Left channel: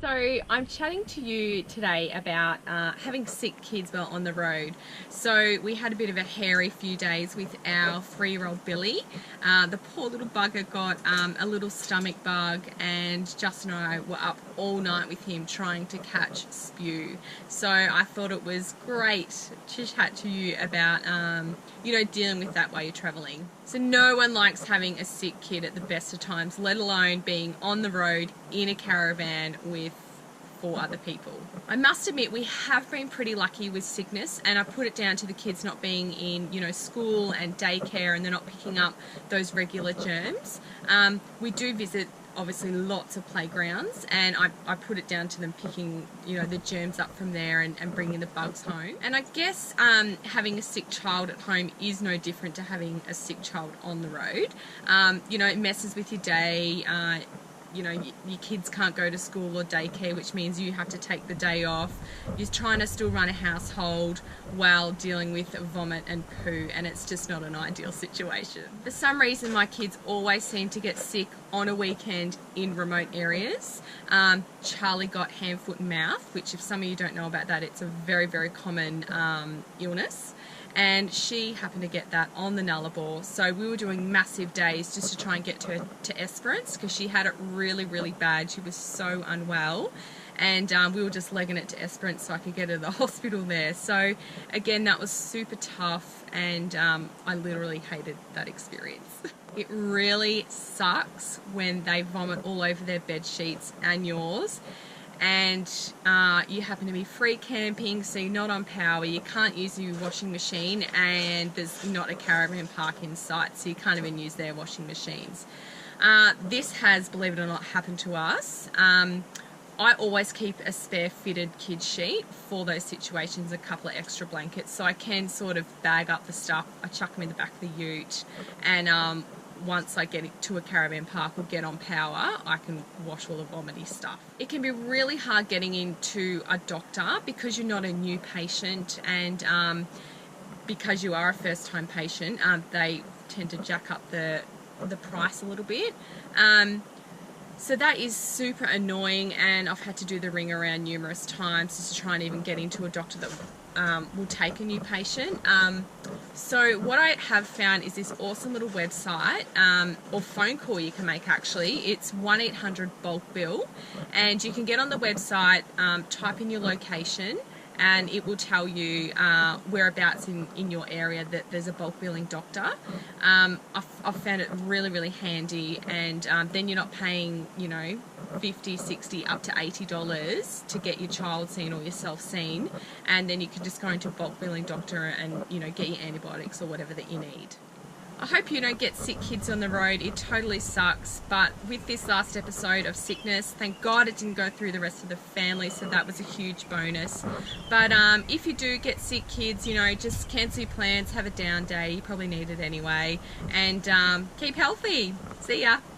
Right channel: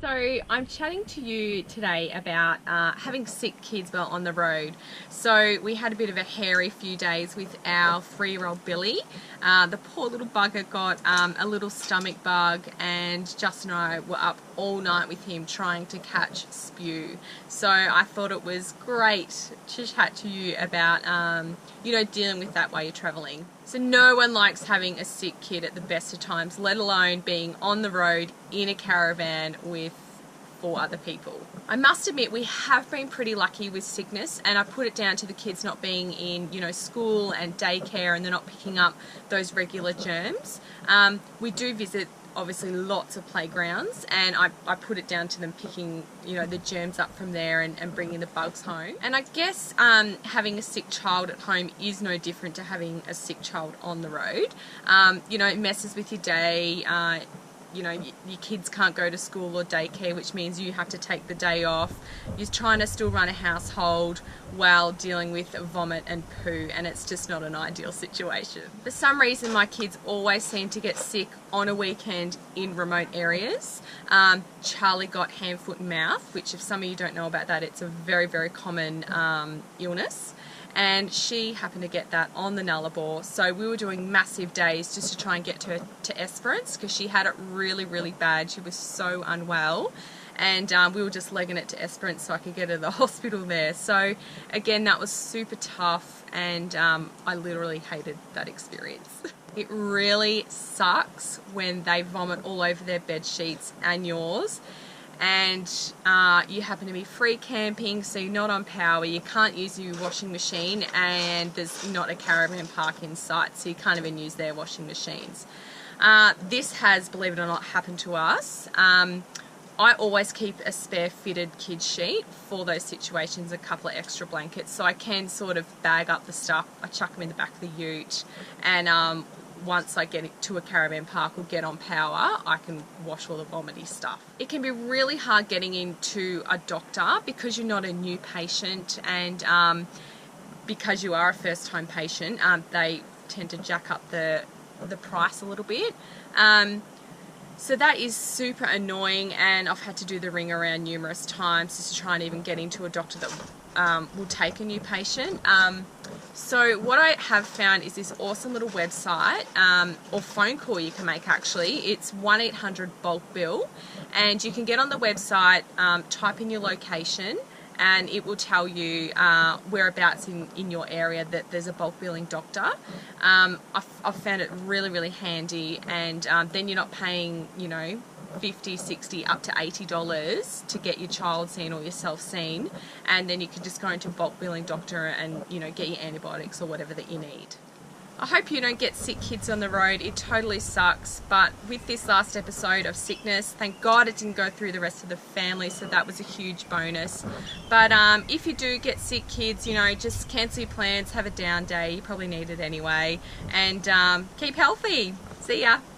So I'm chatting to you today about having sick kids while on the road. So we had a bit of a hairy few days with our 3-year-old Billy. The poor little bugger got a little stomach bug, and Justin and I were up all night with him trying to catch spew. So I thought it was great to chat to you about dealing with that while you're traveling. So no one likes having a sick kid at the best of times, let alone being on the road in a caravan with 4 other people. I must admit we have been pretty lucky with sickness, and I put it down to the kids not being in school and daycare, and they're not picking up those regular germs. We do visit obviously lots of playgrounds, and I put it down to them picking the germs up from there and bringing the bugs home. And I guess having a sick child at home is no different to having a sick child on the road. It messes with your day. Your kids can't go to school or daycare, which means you have to take the day off. You're trying to still run a household while dealing with vomit and poo, and it's just not an ideal situation. For some reason, my kids always seem to get sick on a weekend in remote areas. Charlie got hand, foot and mouth, which if some of you don't know about that, it's a very, very common illness. And she happened to get that on the Nullarbor. So we were doing massive days just to try and get her to Esperance, because she had it really, really bad. She was so unwell. And we were just legging it to Esperance so I could get her to the hospital there. So again, that was super tough, and I literally hated that experience. It really sucks when they vomit all over their bed sheets and yours, and you happen to be free camping, so you're not on power, you can't use your washing machine, and there's not a caravan park in sight, so you can't even use their washing machines. This has, believe it or not, happened to us. I always keep a spare fitted kids sheet for those situations, a couple of extra blankets, so I can sort of bag up the stuff. I chuck them in the back of the ute, and once I get it to a caravan park or get on power, I can wash all the vomity stuff. It can be really hard getting into a doctor because you're not a new patient, and because you are a first-time patient, they tend to jack up the price a little bit. So that is super annoying, and I've had to do the ring around numerous times just to try and even get into a doctor that will take a new patient. So what I have found is this awesome little website or phone call you can make actually. It's 1-800-BULK-BILL, and you can get on the website, type in your location, and it will tell you whereabouts in your area that there's a bulk billing doctor. I've found it really, really handy, and then you're not paying, $50, $60, up to $80 to get your child seen or yourself seen, and then you can just go into a bulk billing doctor and get your antibiotics or whatever that you need. I hope you don't get sick kids on the road. It totally sucks, but with this last episode of sickness, thank God it didn't go through the rest of the family, so that was a huge bonus. But if you do get sick kids, just cancel your plans, have a down day. You probably need it anyway, and keep healthy. See ya.